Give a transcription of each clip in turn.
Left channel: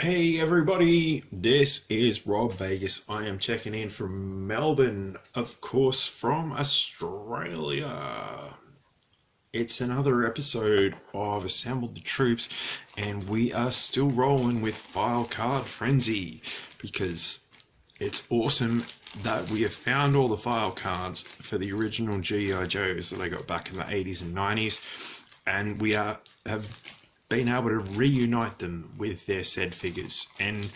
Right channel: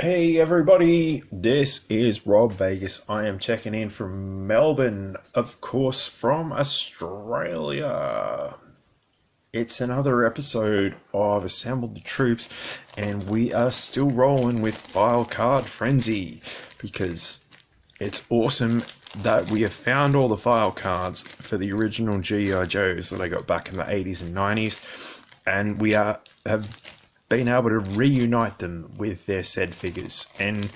Hey everybody, this is Rob Vegas. I am checking in from Melbourne, of course, from Australia. It's another episode of Assembled the Troops, and we are still rolling with File Card Frenzy because it's awesome that we have found all the file cards for the original GI Joes that I got back in the 80s and 90s, and have been able to reunite them with their said figures. And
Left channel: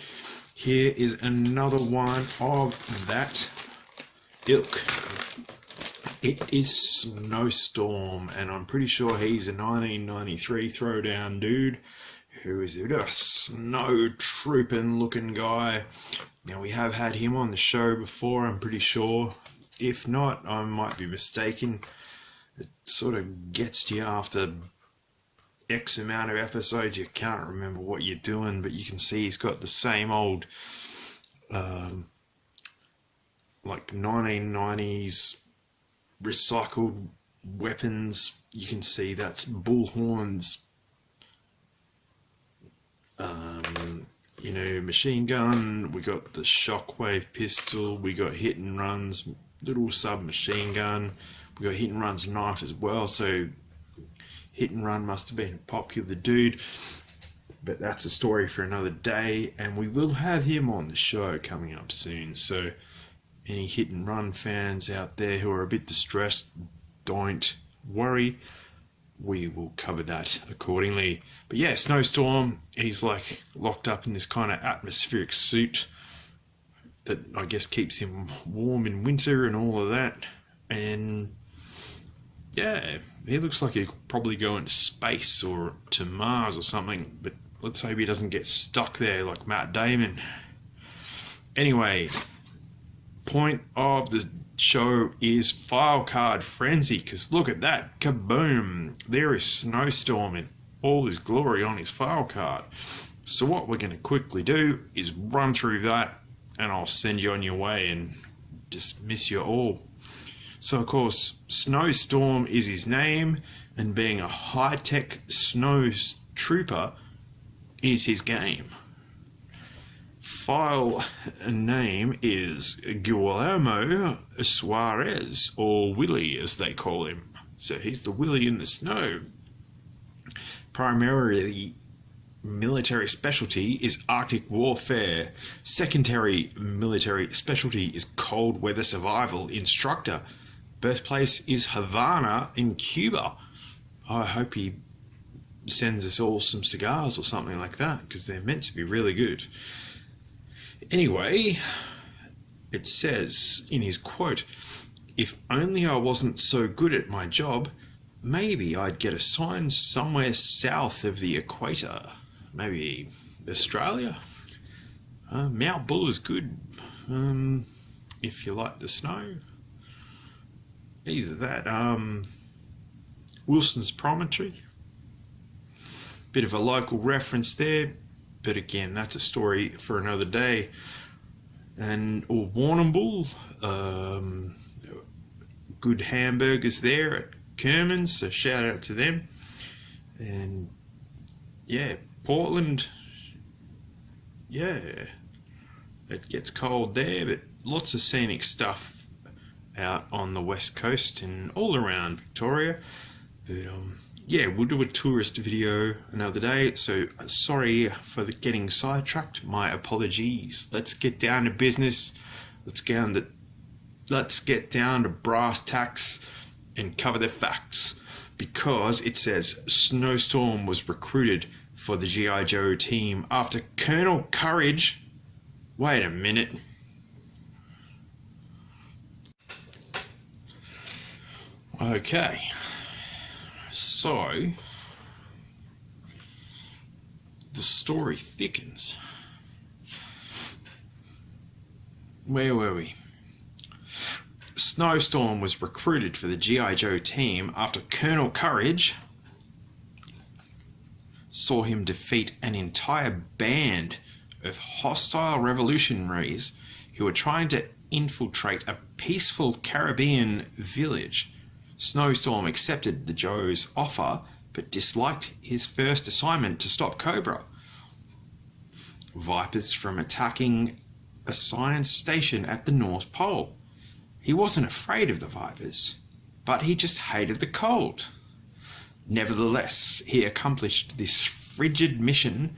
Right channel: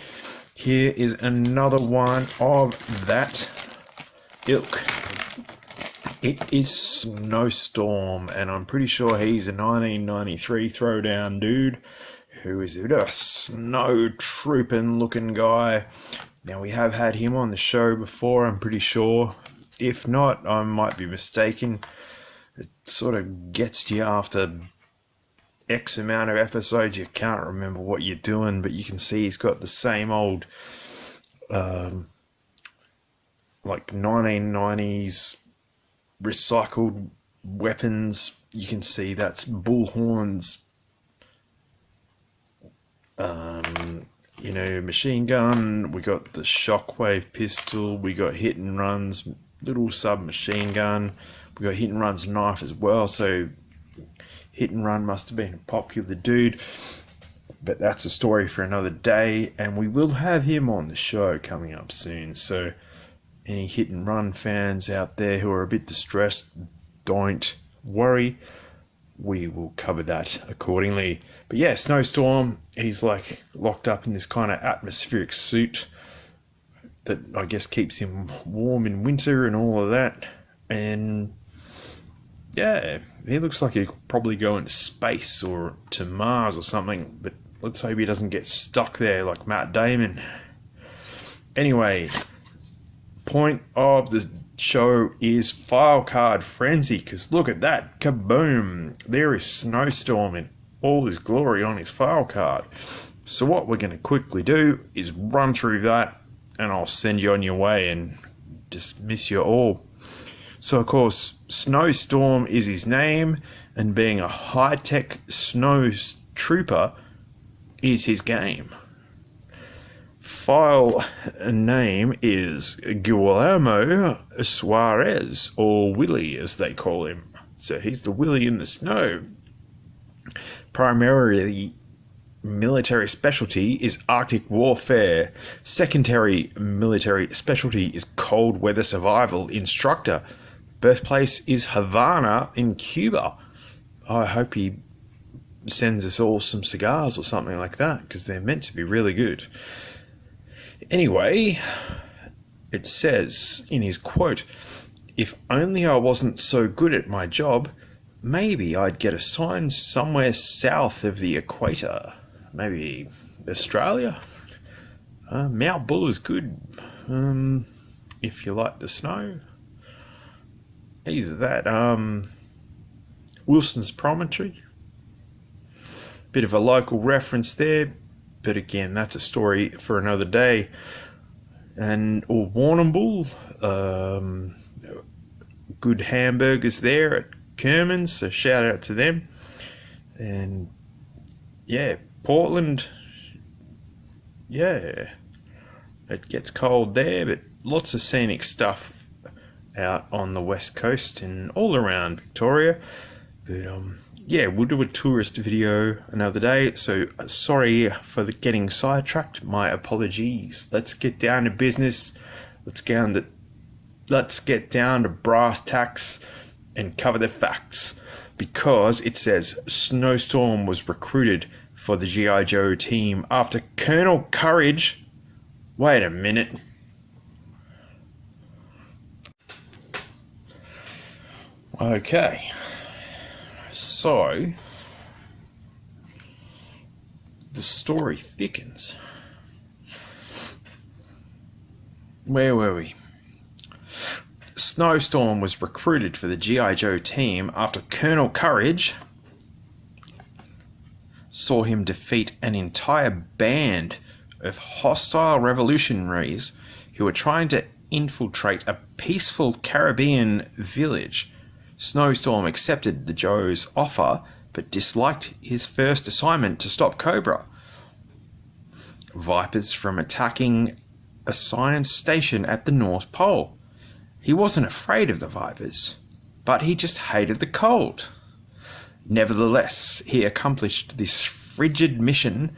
here is another one of that ilk. It is Snowstorm, and I'm pretty sure he's a 1993 throwdown dude who is a bit of a snow trooping looking guy. Now, we have had him on the show before, I'm pretty sure. If not, I might be mistaken. It sort of gets to you after X amount of episodes, you can't remember what you're doing, but you can see he's got the same old like 1990s recycled weapons. You can see that's bullhorns, machine gun. We got the shockwave pistol. We got hit and runs, little submachine gun. We got hit and runs knife as well. So hit and run must have been a popular dude, but that's a story for another day, and we will have him on the show coming up soon. So any hit and run fans out there who are a bit distressed, don't worry, we will cover that accordingly. But yeah, Snowstorm, he's like locked up in this kind of atmospheric suit that I guess keeps him warm in winter and all of that. And yeah, he looks like he could probably go into space or to Mars or something, but let's hope he doesn't get stuck there like Matt Damon. Anyway, point of the show is File Card Frenzy, because look at that, kaboom! There is Snowstorm in all his glory on his file card. So what we're going to quickly do is run through that, and I'll send you on your way and dismiss you all. So, of course, Snowstorm is his name, and being a high-tech snow trooper is his game. File name is Guillermo Suarez, or Willie as they call him. So he's the Willie in the snow. Primarily military specialty is Arctic warfare. Secondary military specialty is cold weather survival instructor. Birthplace is Havana in Cuba. I hope he sends us all some cigars or something like that, because they're meant to be really good. Anyway, it says in his quote, "If only I wasn't so good at my job, maybe I'd get assigned somewhere south of the equator. Maybe Australia? Mount Bull is good, if you like the snow. Either that, Wilson's Promontory. Bit of a local reference there, but again, that's a story for another day. Or Warrnambool, good hamburgers there at Kerman's, so shout out to them. And yeah, Portland, yeah, it gets cold there, but lots of scenic stuff out on the west coast and all around Victoria. But yeah, we'll do a tourist video another day, so sorry for getting sidetracked, my apologies. Let's get down to business. Let's get down to brass tacks and cover the facts, because it says Snowstorm was recruited for the GI Joe team after Colonel Courage. Wait a minute. Okay, so the story thickens. Where were we? Snowstorm was recruited for the GI Joe team after Colonel Courage saw him defeat an entire band of hostile revolutionaries who were trying to infiltrate a peaceful Caribbean village. Snowstorm accepted the Joe's offer, but disliked his first assignment to stop Cobra. vipers from attacking a science station at the North Pole. He wasn't afraid of the vipers, but he just hated the cold. Nevertheless, he accomplished this frigid mission,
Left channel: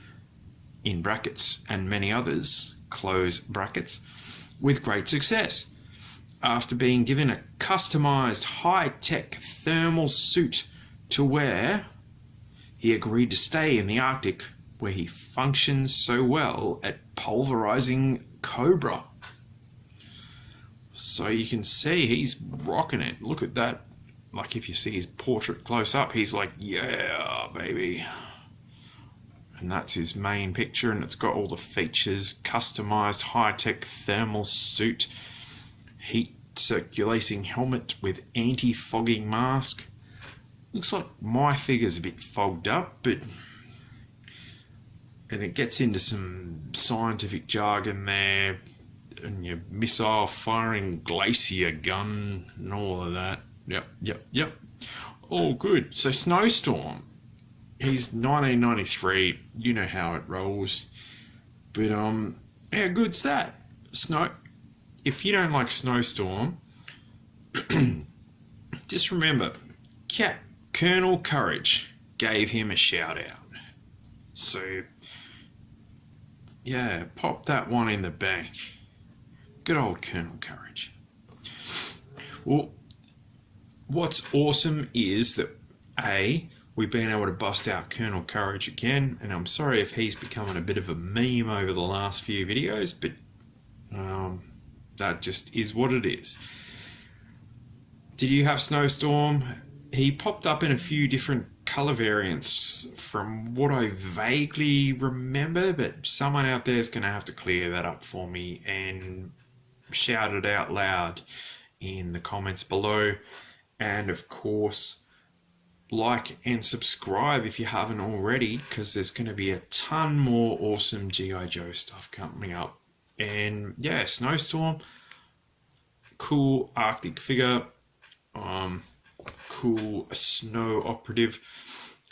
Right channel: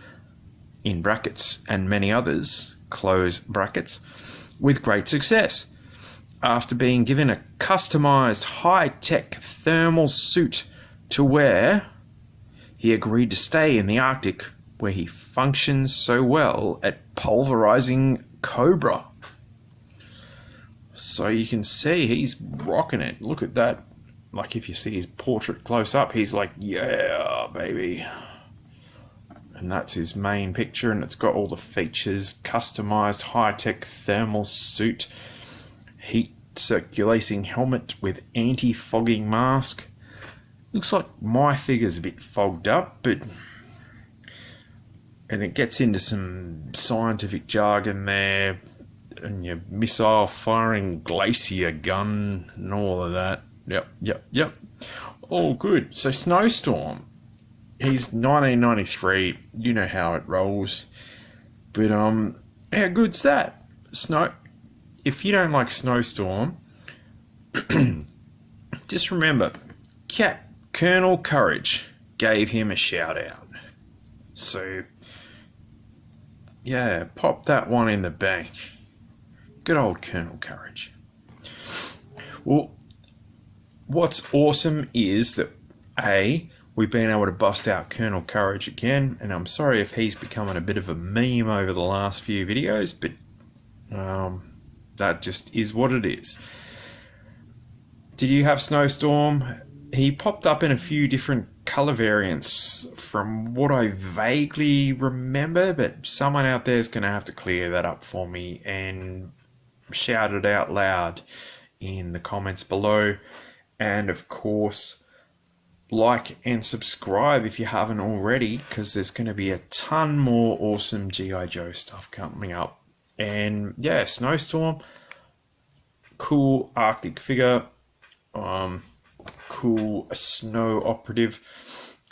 in brackets, and many others, close brackets, with great success. After being given a customized high-tech thermal suit to wear, he agreed to stay in the Arctic, where he functions so well at pulverizing cobra. So you can see he's rocking it. Look at that. Like if you see his portrait close up, he's like, yeah, baby. And that's his main picture, and it's got all the features: customized high-tech thermal suit, heat circulating helmet with anti-fogging mask. Looks like my figure's a bit fogged up, but... And it gets into some scientific jargon there, and your missile firing glacier gun and all of that. Yep. All good. So Snowstorm, he's 1993. You know how it rolls. But how good's that? If you don't like Snowstorm, just remember, Colonel Courage gave him a shout out. So yeah, pop that one in the bank. Good old Colonel Courage. Well, what's awesome is that we've been able to bust out Colonel Courage again, and I'm sorry if he's becoming a bit of a meme over the last few videos, but that just is what it is. Did you have Snowstorm? He popped up in a few different colour variants from what I vaguely remember, but someone out there is going to have to clear that up for me and shout it out loud in the comments below. And of course, like and subscribe if you haven't already, because there's going to be a ton more awesome G.I. Joe stuff coming up. And yeah, Snowstorm, cool Arctic figure, cool snow operative.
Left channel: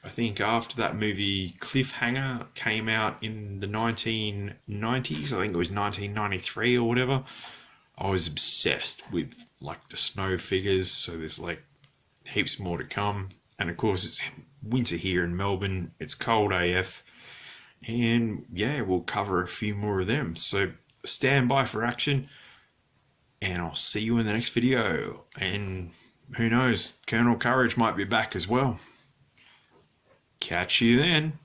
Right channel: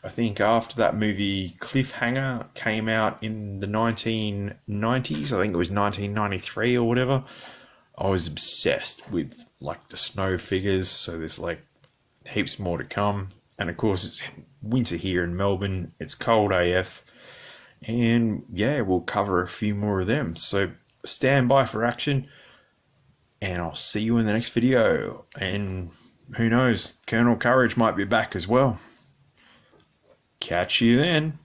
I think after that movie Cliffhanger came out in the 1990s, I think it was 1993 or whatever, I was obsessed with like the snow figures. So there's like heaps more to come. And of course it's winter here in Melbourne, it's cold AF, and yeah, we'll cover a few more of them. So stand by for action, and I'll see you in the next video. And who knows, Colonel Courage might be back as well. Catch you then.